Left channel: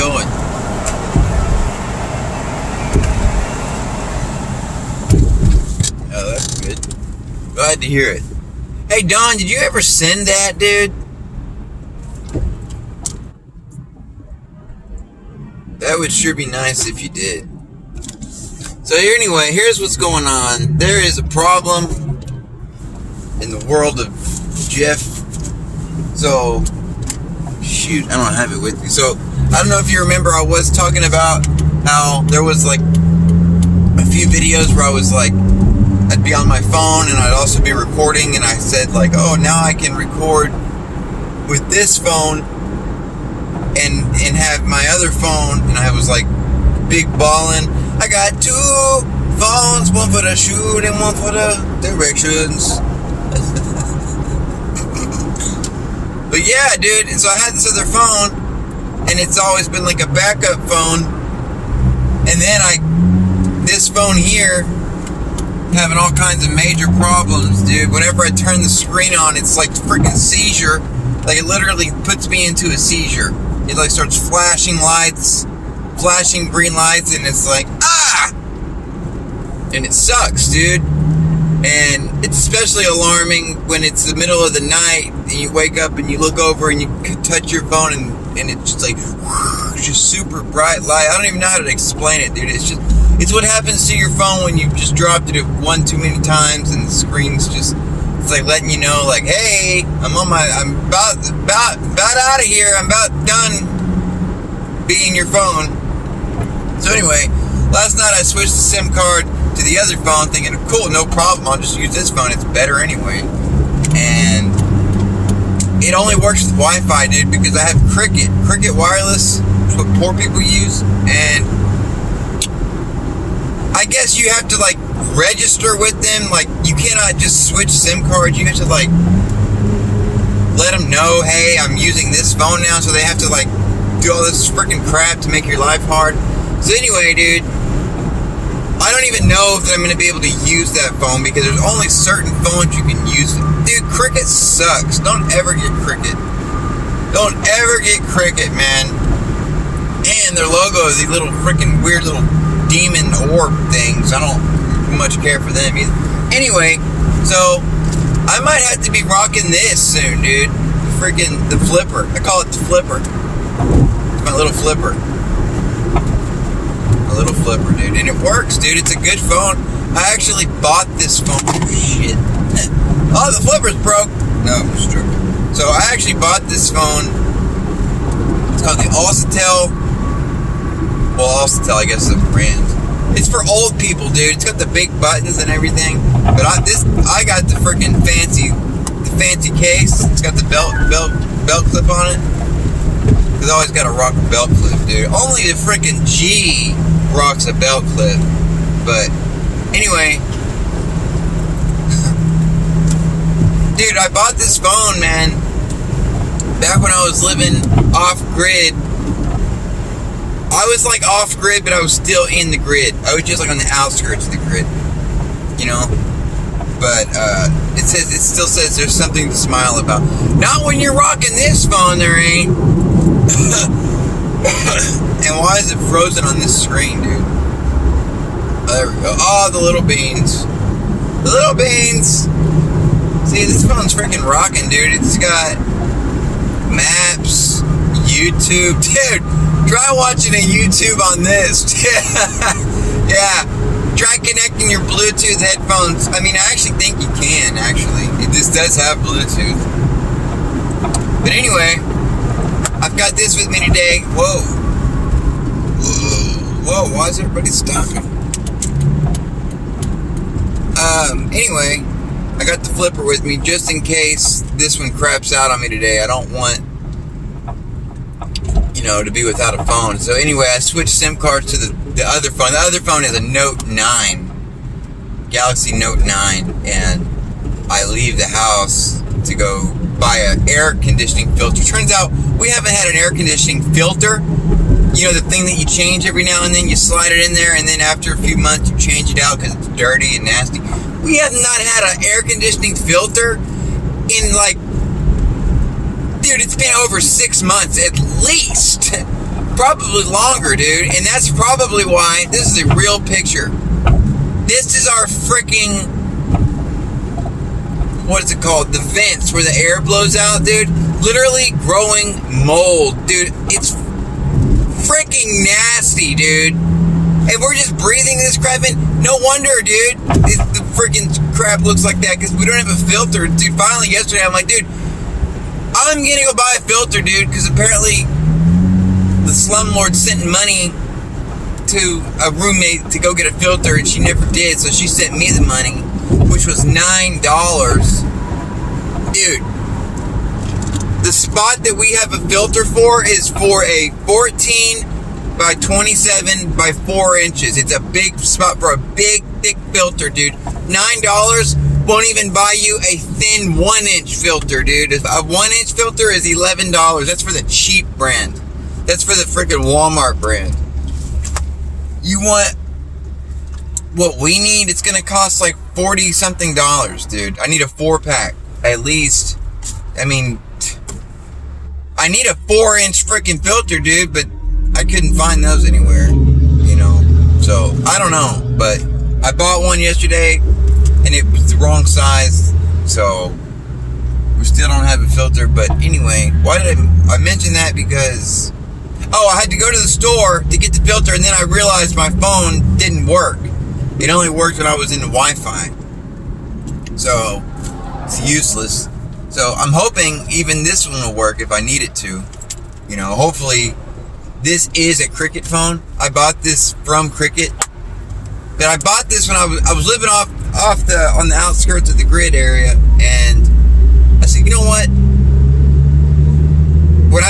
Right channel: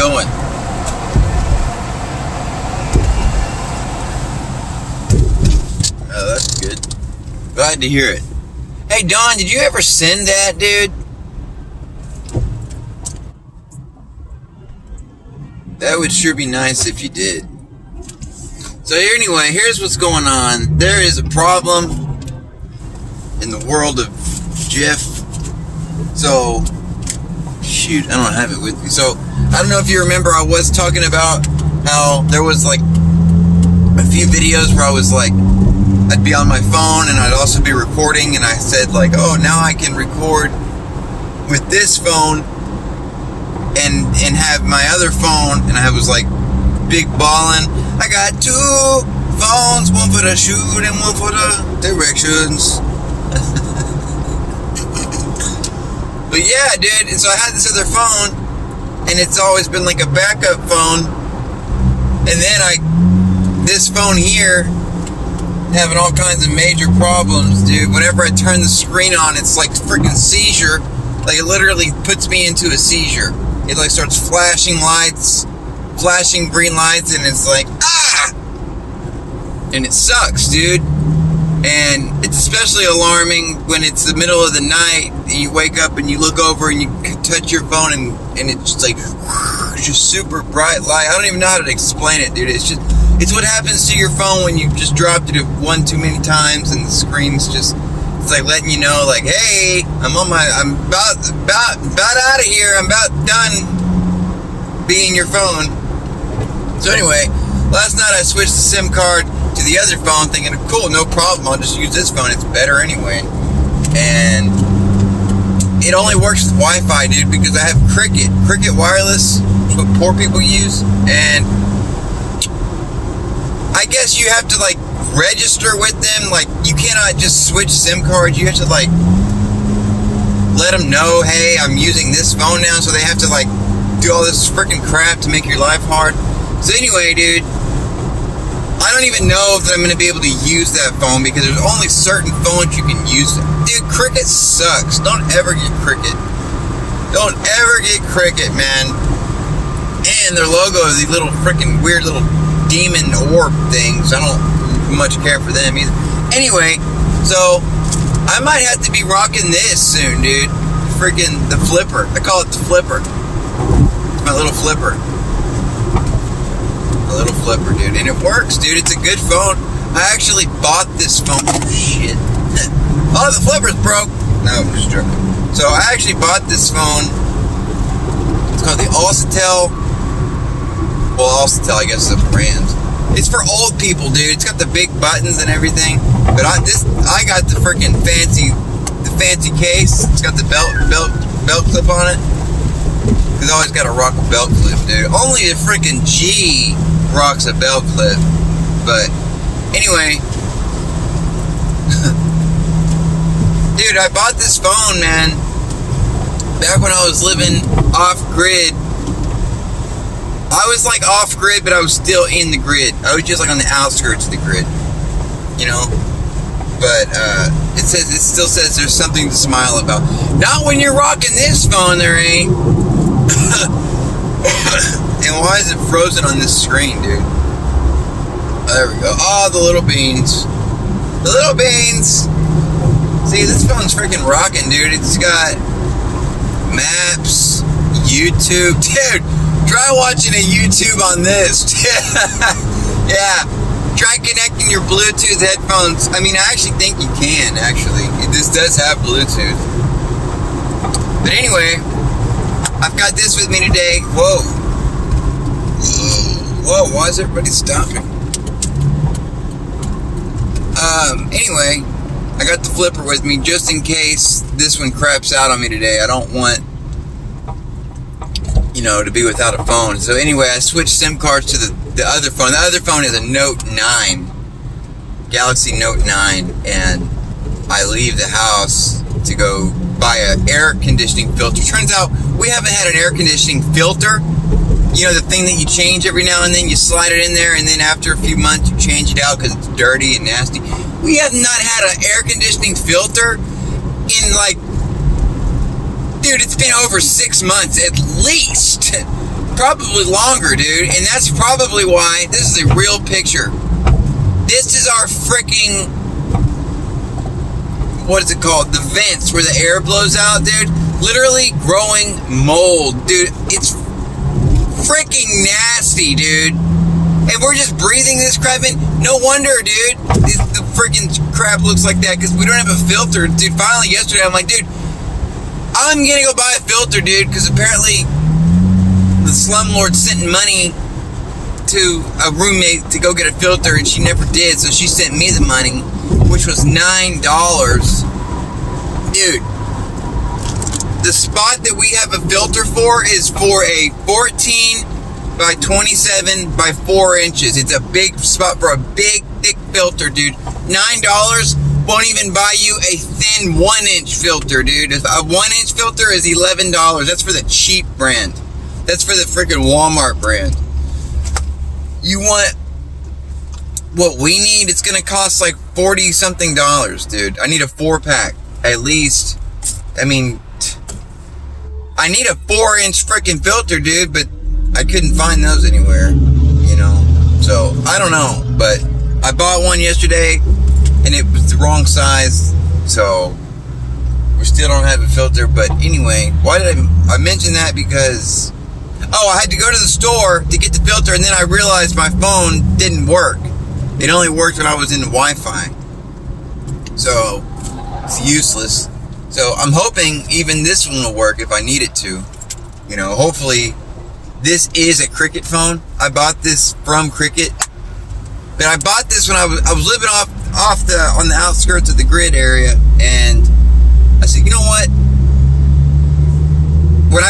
going? Oh, that's good. Glad to hear it. Hey, Don, did you ever send that, dude? That would sure be nice if you did. So anyway, here's what's going on. There is a problem in the world of Jeff. So, shoot, I don't have it with me. So, I don't know if you remember, I was talking about how there was like a few videos where I was like, I'd be on my phone and I'd also be recording, and I said like, oh, now I can record with this phone and have my other phone, and I was like big ballin'. I got two phones, one for the shoot and one for the directions. But yeah, dude, and so I had this other phone, and it's always been like a backup phone, and then this phone here, having all kinds of major problems, dude. Whenever I turn the screen on, it's like freaking seizure. Like, it literally puts me into a seizure. It like starts flashing lights, flashing green lights, and it's like, ah! And it sucks, dude. And it's especially alarming when it's the middle of the night and you wake up and you look over and you touch your phone and it's just like, just super bright light. I don't even know how to explain it, dude. It's what happens to your phone when you just dropped it one too many times and the screen's just, it's like letting you know, like, hey, I'm about out of here. I'm about done being your phone. So anyway, last night I switched the SIM card to the other phone, thinking, cool, no problem, I'll just use this phone, it's better anyway. And it only works with Wi-Fi, dude, because I have Cricket Wireless, which is what poor people use, and I guess you have to like register with them. Like, you cannot just switch SIM cards. You have to like let them know, hey, I'm using this phone now, so they have to like do all this freaking crap to make your life hard. So anyway, dude, I don't even know if I'm going to be able to use that phone because there's only certain phones you can use. Dude, Cricket sucks. Don't ever get Cricket. Don't ever get Cricket, man. And their logo is these little freaking weird little demon orb things. I don't much care for them either. Anyway, so I might have to be rocking this soon, dude. Freaking the flipper. I call it the flipper. It's my little flipper. A little flipper, dude, and it works, dude. It's a good phone. I actually bought this phone. Oh shit! Oh, the flipper's broke. No, I'm just joking. So I actually bought this phone. It's called the Alcatel. Well, Alcatel, I guess, is a brand. It's for old people, dude. It's got the big buttons and everything. But I got the freaking fancy case. It's got the belt clip on it. Because I always got to rock a belt clip, dude. Only the freaking G rocks a belt clip. But anyway, dude, I bought this phone, man, back when I was living off grid. I was like off grid, but I was still in the grid. I was just like on the outskirts of the grid, you know. But it still says there's something to smile about. Not when you're rocking this phone, there ain't. And why is it frozen on this screen, dude? Oh, there we go. Oh, the little beans. The little beans. See, this phone's freaking rocking, dude. It's got maps, YouTube. Dude, try watching a YouTube on this. Yeah. Try connecting your Bluetooth headphones. I mean, I actually think you can, actually. This does have Bluetooth. But anyway, I've got this with me today. Whoa. Whoa, why is everybody stopping? Anyway, I got the flipper with me just in case this one craps out on me today. I don't want, to be without a phone. So anyway, I switched SIM cards to the other phone. The other phone is a Note 9. Galaxy Note 9. And I leave the house to go buy an air conditioning filter. Turns out we haven't had an air conditioning filter. You know, the thing that you change every now and then. You slide it in there, and then after a few months you change it out because it's dirty and nasty. We have not had an air conditioning filter in like, dude, it's been over 6 months at least. probably longer, dude. And that's probably why this is a real picture. This is our freaking, what is it called? The vents where the air blows out, dude. Literally growing mold, dude. It's freaking nasty, dude. And we're just breathing this crap in. No wonder, dude. The freaking crap looks like that because we don't have a filter, dude. Finally, yesterday, I'm like, dude, I'm gonna go buy a filter, dude, because apparently the slumlord sent money to a roommate to go get a filter, and she never did, so she sent me the money, which was $9. Dude, the spot that we have a filter for is for a 14 by 27 by 4 inches. It's a big spot for a big, thick filter, dude. $9 won't even buy you a thin 1-inch filter, dude. A 1-inch filter is $11. That's for the cheap brand. That's for the freaking Walmart brand. You want what we need? It's gonna cost like $40-something, dude. I need a 4-pack at least. I mean, I need a 4-inch freaking filter, dude, but I couldn't find those anywhere, you know. So I don't know, but I bought one yesterday and it was the wrong size, so we still don't have a filter. But anyway, why did I mention that? Because I had to go to the store to get the filter, and then I realized my phone didn't work. It only worked when I was in the Wi-Fi, so it's useless. So I'm hoping even this one will work if I need it to. You know, hopefully. This is a Cricket phone. I bought this from Cricket, but I bought this when I was living on the outskirts of the grid area, and I said, you know what? When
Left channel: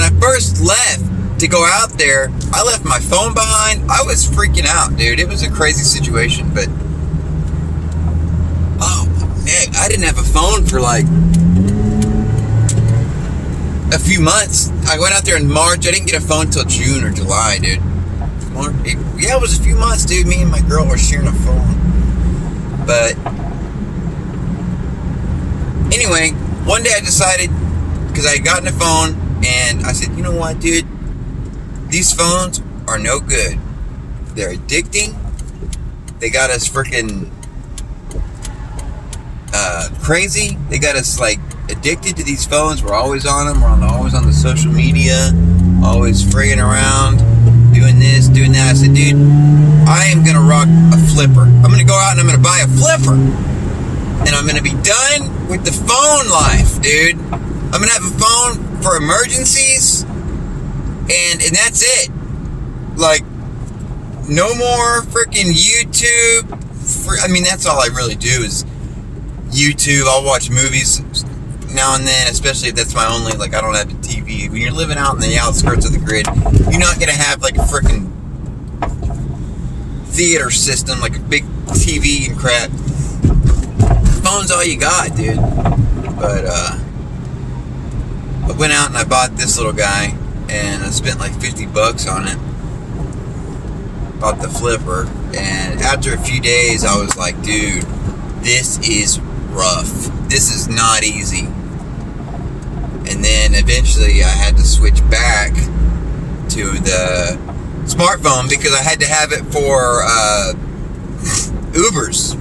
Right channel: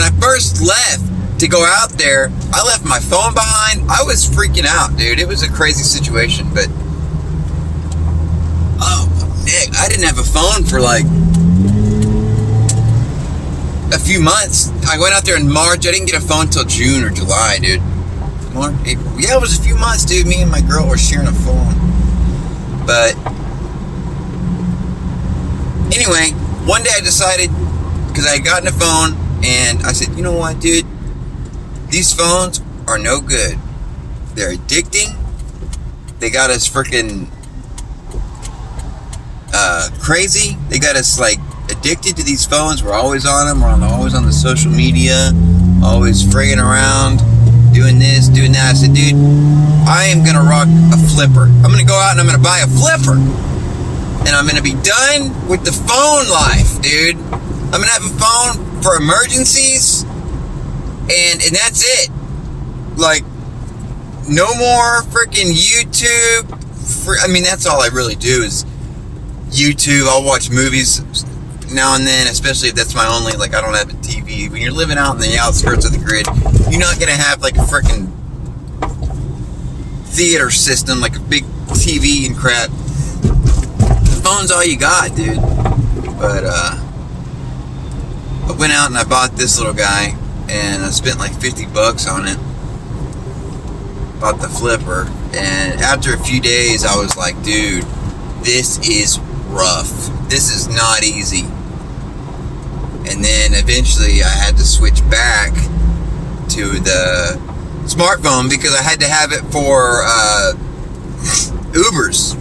I first left to go out there, I left my phone behind. I was freaking out, dude. It was a crazy situation, but I didn't have a phone for like a few months. I went out there in March. I didn't get a phone till June or July, dude. It was a few months, dude. Me and my girl were sharing a phone. But anyway, one day I decided, because I had gotten a phone, and I said, you know what, dude? These phones are no good. They're addicting. They got us freaking crazy. They got us like addicted to these phones. We're always on them. We're always on the social media, always fraying around, doing this, doing that. I said, dude, I am gonna rock a flipper. I'm gonna go out and I'm gonna buy a flipper, and I'm gonna be done with the phone life, dude. I'm gonna have a phone for emergencies, and that's it. Like, no more freaking YouTube. I mean, that's all I really do is YouTube. I'll watch movies now and then, especially if that's my only, like, I don't have a TV. When you're living out in the outskirts of the grid, you're not gonna have like a freaking theater system, like a big TV and crap. The phone's all you got, dude. But I went out and I bought this little guy, and I spent like $50 on it. Bought the flipper, and after a few days I was like, dude, this is rough. This is not easy. And then eventually I had to switch back to the smartphone because I had to have it for Ubers.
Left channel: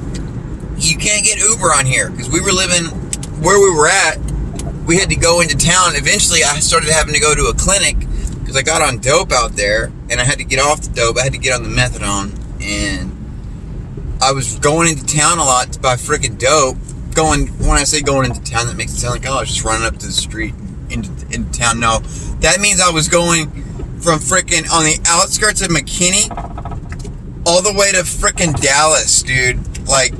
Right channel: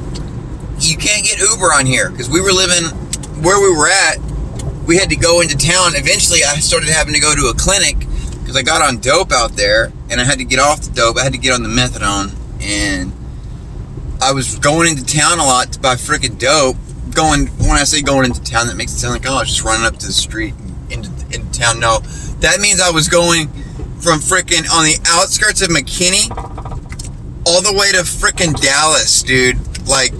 You can't get Uber on here because we were living where we were at. We had to go into town. Eventually I started having to go to a clinic because I got on dope out there, and I had to get off the dope. I had to get on the methadone, and I was going into town a lot to buy freaking dope. When I say going into town, that makes it sound like, oh, I was just running up to the street into town. No, that means I was going from freaking on the outskirts of McKinney all the way to freaking Dallas, dude. Like,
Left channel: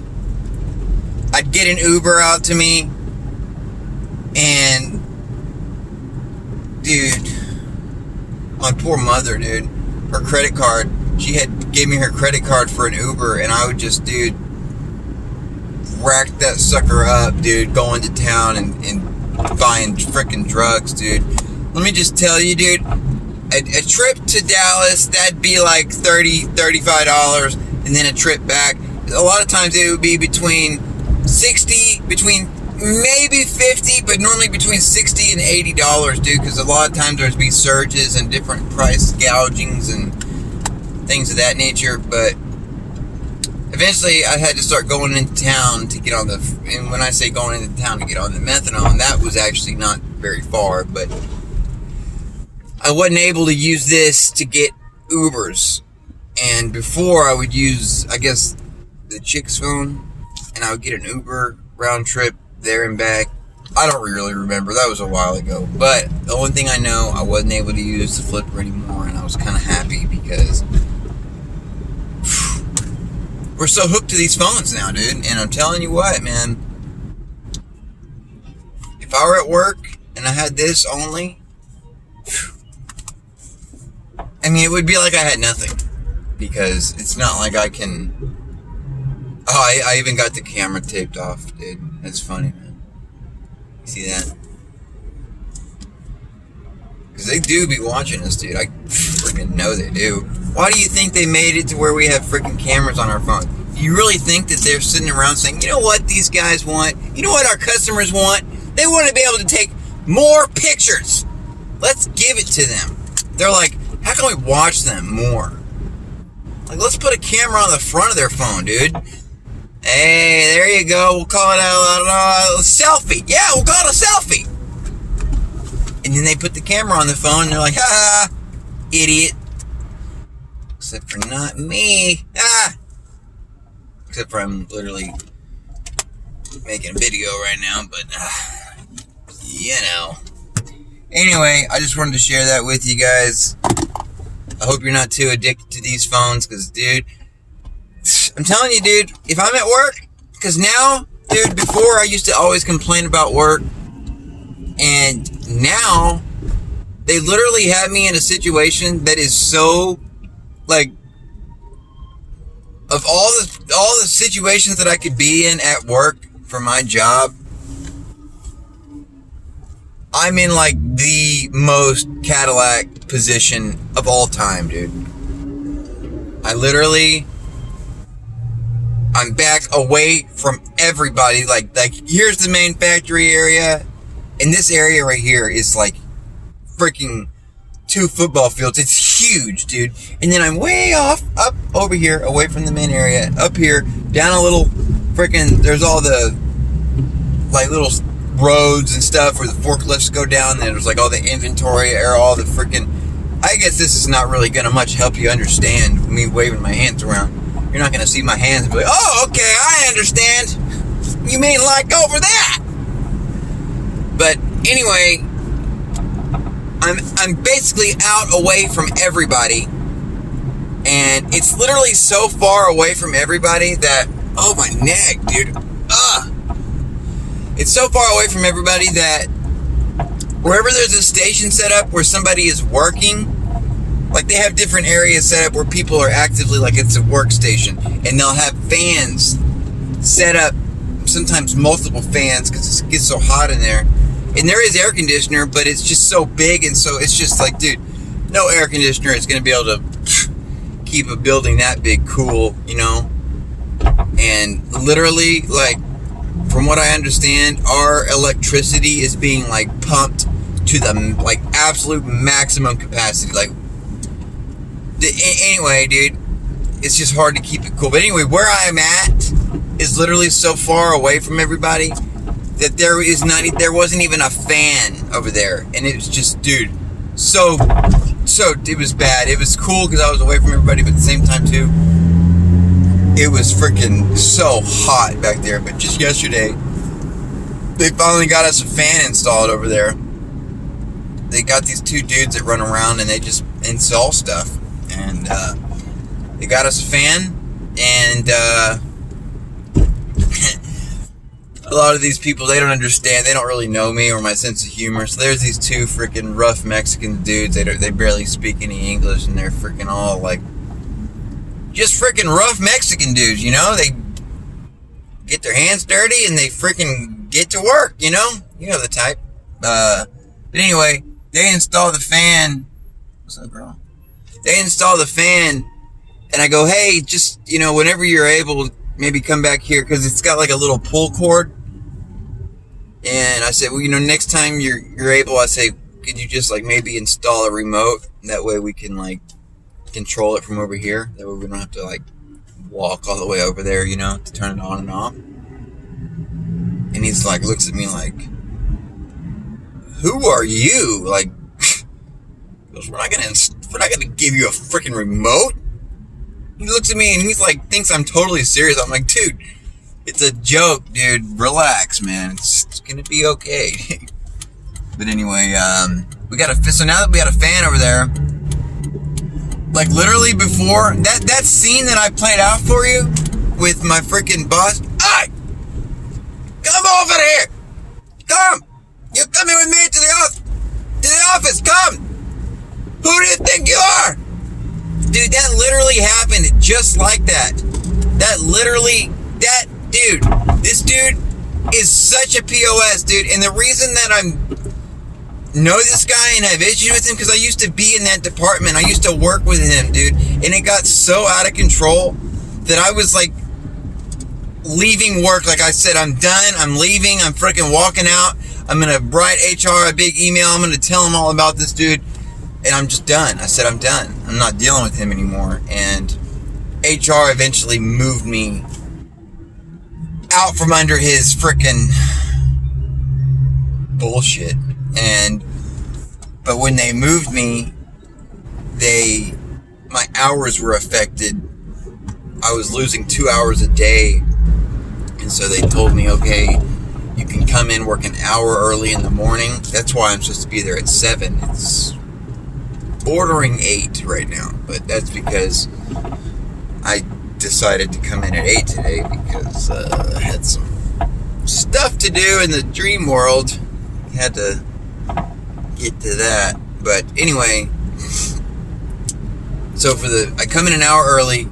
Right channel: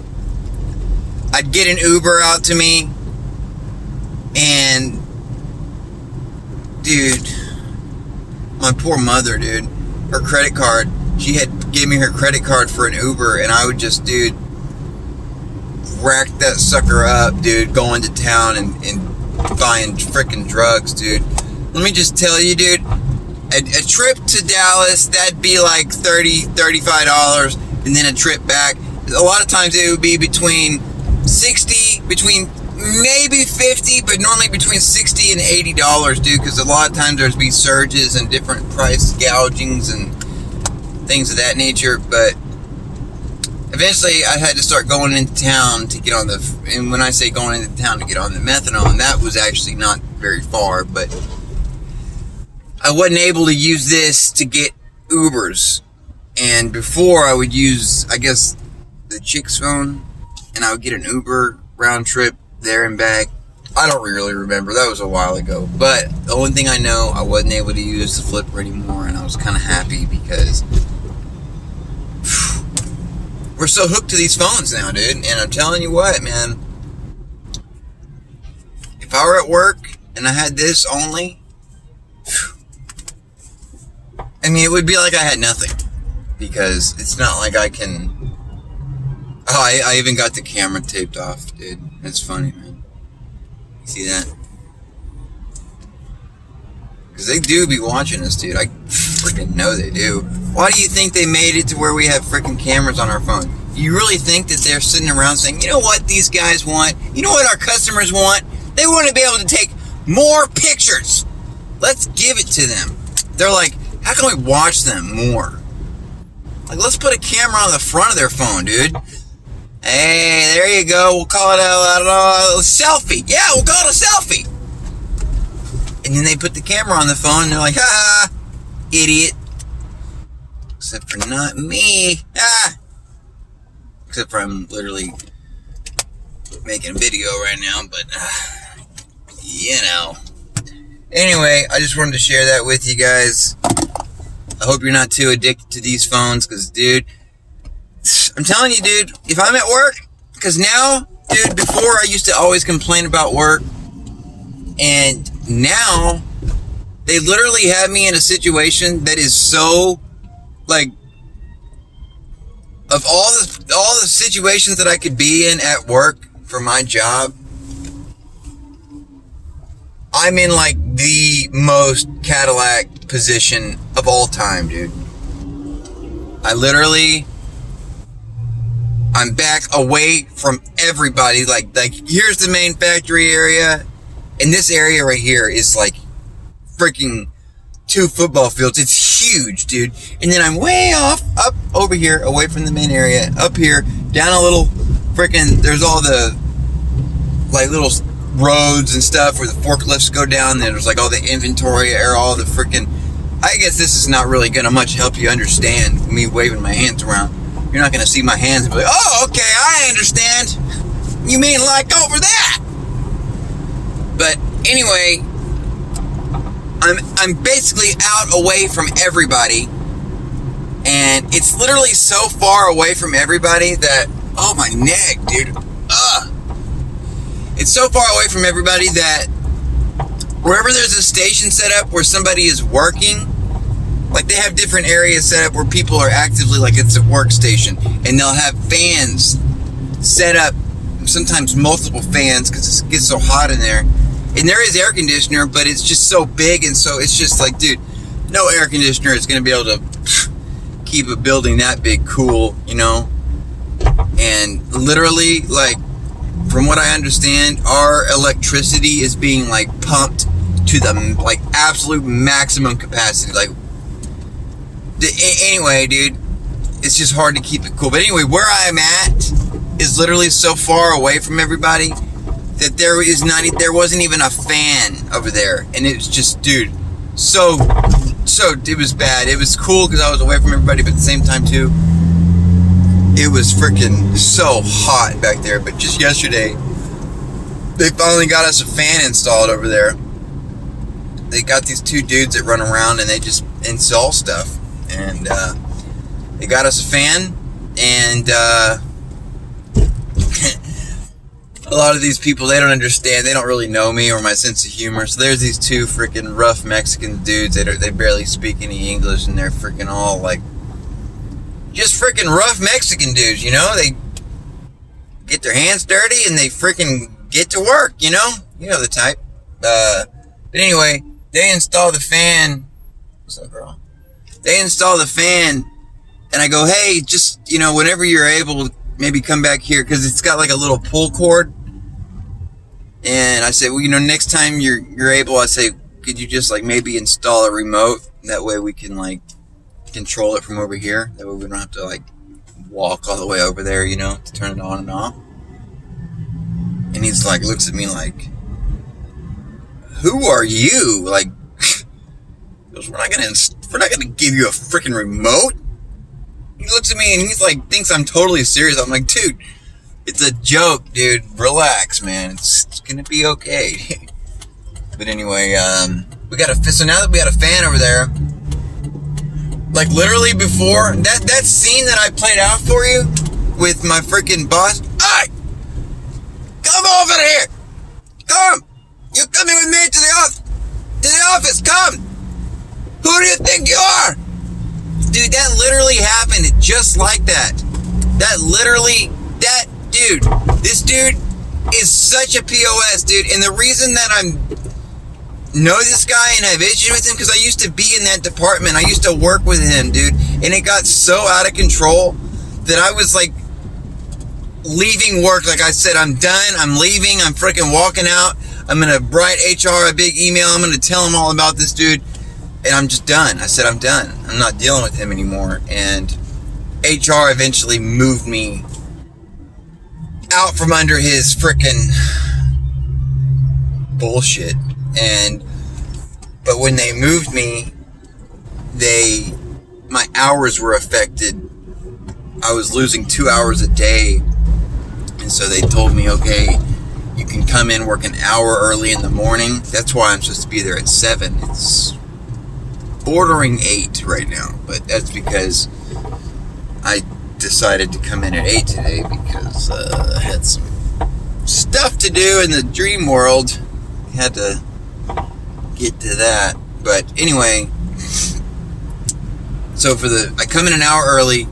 I'd get an Uber out to me, and dude, my poor mother, dude, her credit card, she gave me her credit card for an Uber, and I would just, dude, rack that sucker up, dude, going to town and buying freaking drugs, dude. Let me just tell you, dude, a trip to Dallas, that'd be like $35, and then a trip back, a lot of times it would be between maybe 50, but normally between $60 and $80, dude, because a lot of times there's be surges and different price gougings and things of that nature. But eventually I had to start going into town to get on the, and when I say going into town to get on the methadone, that was actually not very far, but I wasn't able to use this to get Ubers. And before I would use, I guess, the chick's phone, and I would get an Uber round trip there and back. I don't really remember. That was a while ago. But the only thing I know, I wasn't able to use the flipper anymore, and I was kind of happy because we're so hooked to these phones now, dude. And I'm telling you what, man. If I were at work and I had this only, I mean, it would be like I had nothing. Because it's not like I can... Oh, I even got the camera taped off, dude. That's funny, man. You see that? Because they do be watching us, dude. I freaking know they do. Why do you think they made it to where we have freaking cameras on our phone? You really think that they're sitting around saying, you know what these guys want? You know what our customers want? They want to be able to take more pictures. Let's give it to them. They're like, how can we watch them more? Like, let's put a camera on the front of their phone, dude. Hey, there you go. We'll call it a selfie. Yeah, we'll call it a selfie. And then they put the camera on the phone, and they're like, ha, idiot. Except for not me. Except for I'm literally making a video right now, but, you know. Anyway, I just wanted to share that with you guys. I hope you're not too addicted to these phones, because, dude, I'm telling you, dude, if I'm at work, because now, dude, before I used to always complain about work, and now they literally have me in a situation that is so, like, of all the situations that I could be in at work for my job, I'm in, like, the most Cadillac position of all time, dude. I'm back away from everybody. Like, here's the main factory area, and this area right here is, like, freaking 2 football fields. It's huge, dude. And then I'm way off, up over here, away from the main area, up here, down a little freaking, there's all the, like, little roads and stuff where the forklifts go down. There's like all the inventory or all the freaking, I guess this is not really gonna much help you understand me waving my hands around. You're not gonna see my hands and be like, oh, okay, I understand. You mean like over that? But anyway, I'm basically out away from everybody, and it's literally so far away from everybody that, oh, my neck, dude. Ugh. It's so far away from everybody that wherever there's a station set up where somebody is working, like they have different areas set up where people are actively, like it's a workstation, and they'll have fans set up, sometimes multiple fans because it gets so hot in there. And there is air conditioner, but it's just so big, and so it's just like, dude, no air conditioner is going to be able to keep a building that big cool, you know? And literally, like, from what I understand, our electricity is being, like, pumped to the, like, absolute maximum capacity. Like, anyway, dude, it's just hard to keep it cool. But anyway, where I'm at is literally so far away from everybody that there wasn't even a fan over there. And it was just, dude, so, it was bad. It was cool because I was away from everybody, but at the same time, too, it was freaking so hot back there. But just yesterday, they finally got us a fan installed over there. They got these 2 dudes that run around and they just install stuff. And they got us a fan. And a lot of these people, they don't understand. They don't really know me or my sense of humor. So there's these 2 freaking rough Mexican dudes. They barely speak any English, and they're freaking all like, just freaking rough Mexican dudes, you know? They get their hands dirty and they freaking get to work, you know? You know the type. But anyway, they install the fan. What's up, girl? They install the fan, and I go, hey, just, you know, whenever you're able, maybe come back here, because it's got like a little pull cord. And I said, well, next time you're able, I say, could you just like maybe install a remote? That way we can like control it from over here. That way we don't have to like walk all the way over there, to turn it on and off. And he's like, looks at me like, who are you? Like, goes, we're not gonna give you a freaking remote. He looks at me and he's like, thinks I'm totally serious. I'm like, dude, it's a joke, dude. Relax, man. It's gonna be okay. But anyway, so now that we got a fan over there, like literally before that scene that I played out for you with my freaking boss. Hey, come over here. Come. You're coming with me to the office. Come. Who do you think you are? Dude, that literally happened just like that. This dude is such a POS, dude. And the reason that know this guy and have issues with him, because I used to be in that department. I used to work with him, dude. And it got so out of control that I was like leaving work. Like I said, I'm done. I'm leaving. I'm freaking walking out. I'm going to write HR a big email. I'm going to tell him all about this dude. And I'm just done. I said, I'm done. I'm not dealing with him anymore. And HR eventually moved me out from under his freaking bullshit. But when they moved me, my hours were affected. I was losing 2 hours a day. And so they told me, okay, you can come in, work an hour early in the morning. That's why I'm supposed to be there at 7. It's bordering 8 right now, but that's because I decided to come in at 8 today because I had some stuff to do in the dream world. Had to get to that. But anyway, so I come in an hour early,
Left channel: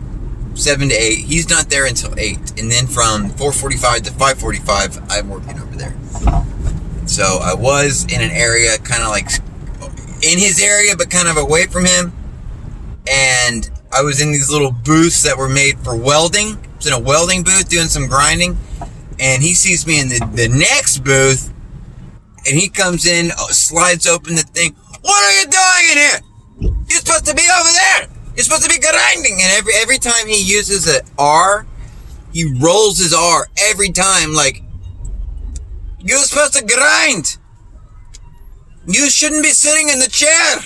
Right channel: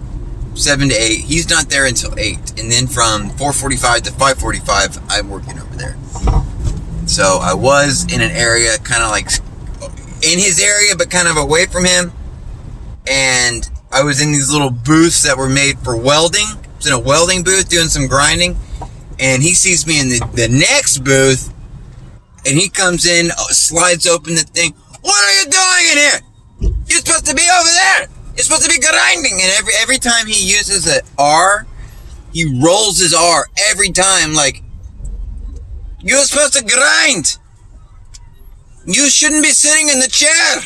7 to 8. He's not there until 8. And then from 4:45 to 5:45, I'm working over there. So I was in an area kind of like in his area, but kind of away from him. And I was in these little booths that were made for welding. I was in a welding booth doing some grinding. And he sees me in the next booth. And he comes in, slides open the thing. What are you doing in here? You're supposed to be over there. You're supposed to be grinding. And every time he uses an R, he rolls his R every time. Like, you're supposed to grind. You shouldn't be sitting in the chair.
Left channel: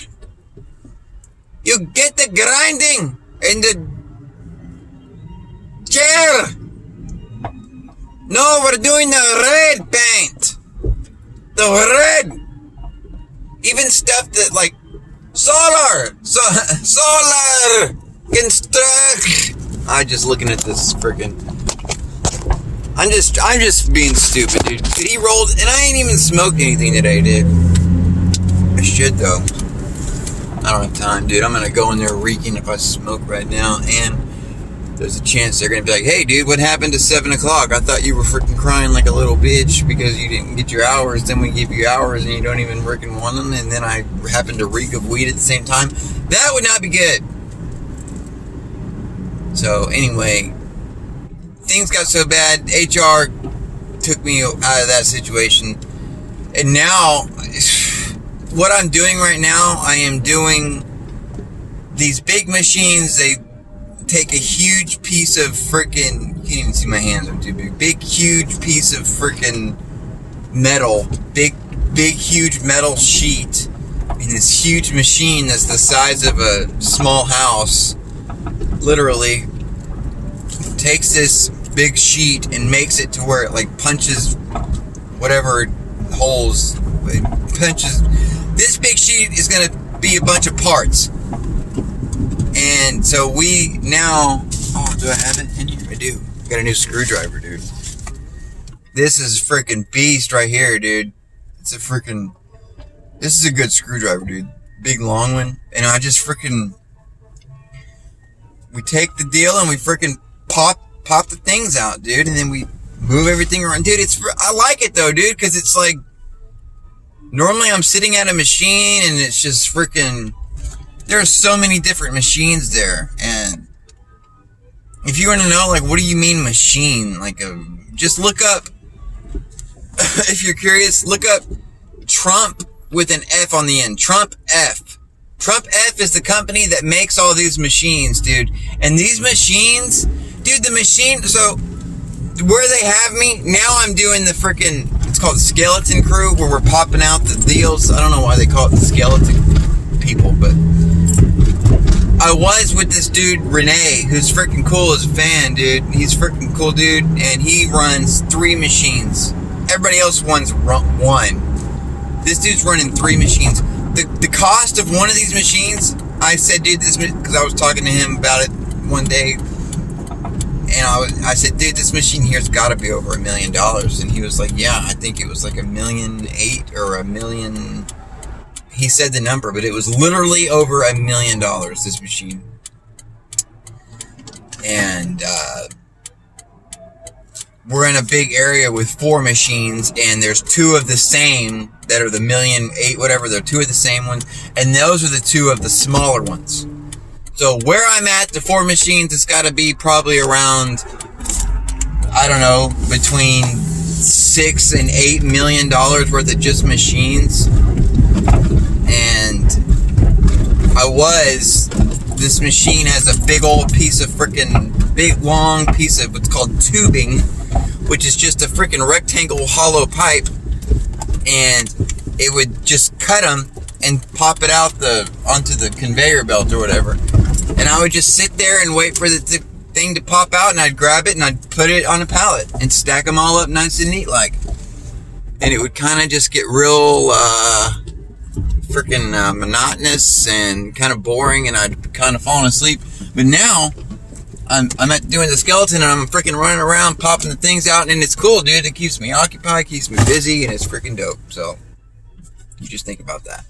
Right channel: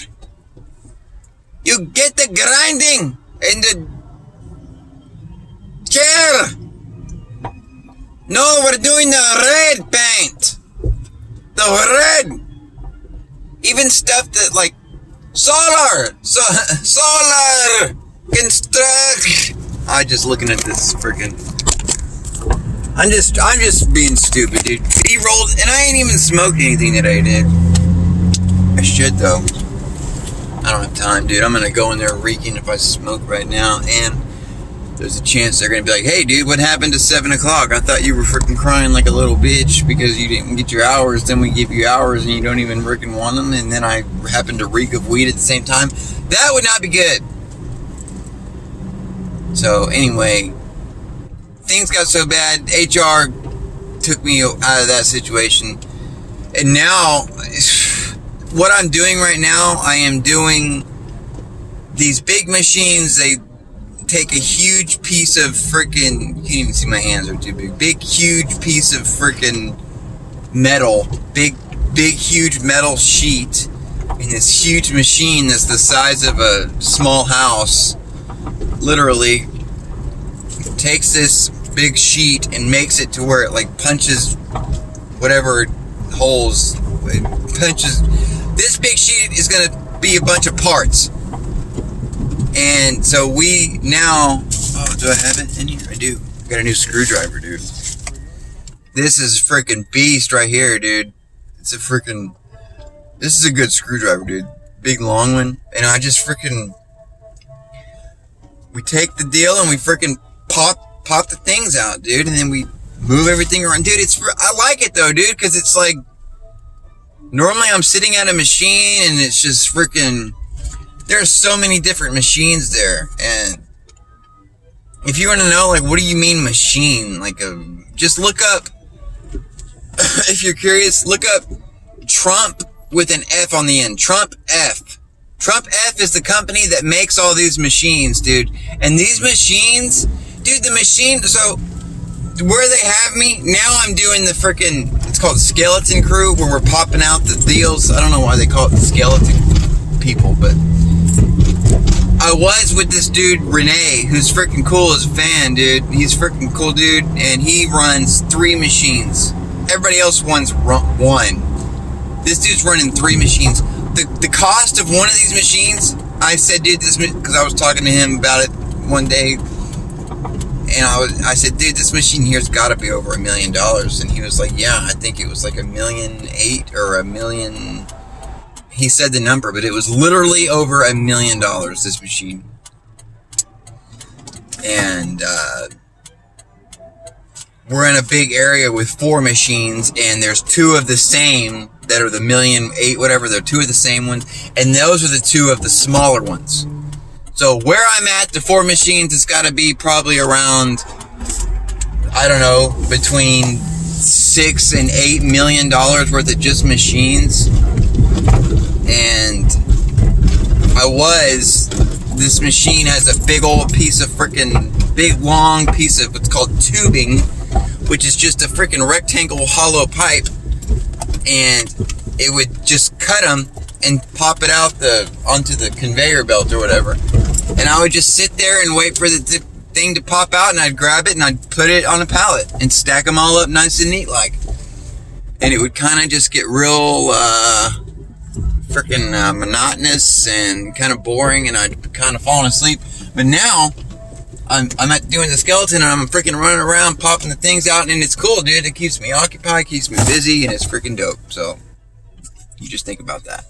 You get the grinding in the chair. No, we're doing the red paint. The red. Even stuff that like solar construct. I'm just looking at this freaking. I'm just being stupid, dude. He rolled, and I ain't even smoked anything today, dude. I should though. I don't have time, dude. I'm gonna go in there reeking if I smoke right now, and there's a chance they're gonna be like, "Hey, dude, what happened to 7 o'clock? I thought you were freaking crying like a little bitch because you didn't get your hours. Then we give you hours and you don't even freaking want them, and then I happen to reek of weed at the same time. That would not be good." So anyway, things got so bad. HR took me out of that situation, and now what I'm doing right now, I am doing these big machines. They take a huge piece of freaking, you can't even see my hands are too big, huge piece of freaking metal, big huge metal sheet in this huge machine that's the size of a small house, literally takes this big sheet and makes it to where it like punches whatever holes it punches. This big sheet is going to be a bunch of parts. And so we now, do I have it in here? I do. Got a new screwdriver, dude. This is freaking beast right here, dude. This is a good screwdriver, dude. Big long one. And I just freaking, we take the deal and we freaking pop the things out, dude. And then we move everything around. Dude, I like it though, dude, because it's like, normally I'm sitting at a machine and it's just freaking, there are so many different machines there. And if you want to know, like, what do you mean machine? Like, just look up if you're curious, look up Trump with an F on the end. Trump F. Trump F is the company that makes all these machines, dude. And these machines, dude, the machine, so where they have me, now I'm doing the freaking, it's called Skeleton Crew, where we're popping out the deals. I don't know why they call it the skeleton people, but I was with this dude, Renee, who's freaking cool as a fan, dude. He's freaking cool, dude, and he runs 3 machines. Everybody else runs 1. This dude's running 3 machines. The cost of one of these machines, I said, dude, this, because I was talking to him about it one day, and I said, dude, this machine here's got to be over $1 million, and he was like, yeah, I think it was like $1.8 million or $1 million. He said the number, but it was literally over $1 million, this machine. And we're in a big area with 4 machines, and there's 2 of the same that are the $1.8 million, whatever. They're 2 of the same ones, and those are the 2 of the smaller ones. So where I'm at, the 4 machines, it's got to be probably around, I don't know, between $6 and $8 million worth of just machines. And this machine has a big old piece of big long piece of what's called tubing, which is just a freaking rectangle hollow pipe, and it would just cut them and pop it out onto the conveyor belt or whatever. And I would just sit there and wait for the thing to pop out, and I'd grab it and I'd put it on a pallet and stack them all up nice and neat like. And it would kind of just get real freaking monotonous and kind of boring, and I'd kind of fallen asleep. But now I'm doing the skeleton, and I'm freaking running around popping the things out, and it's cool, dude. It keeps me occupied, keeps me busy, and it's freaking dope. So you just think about that.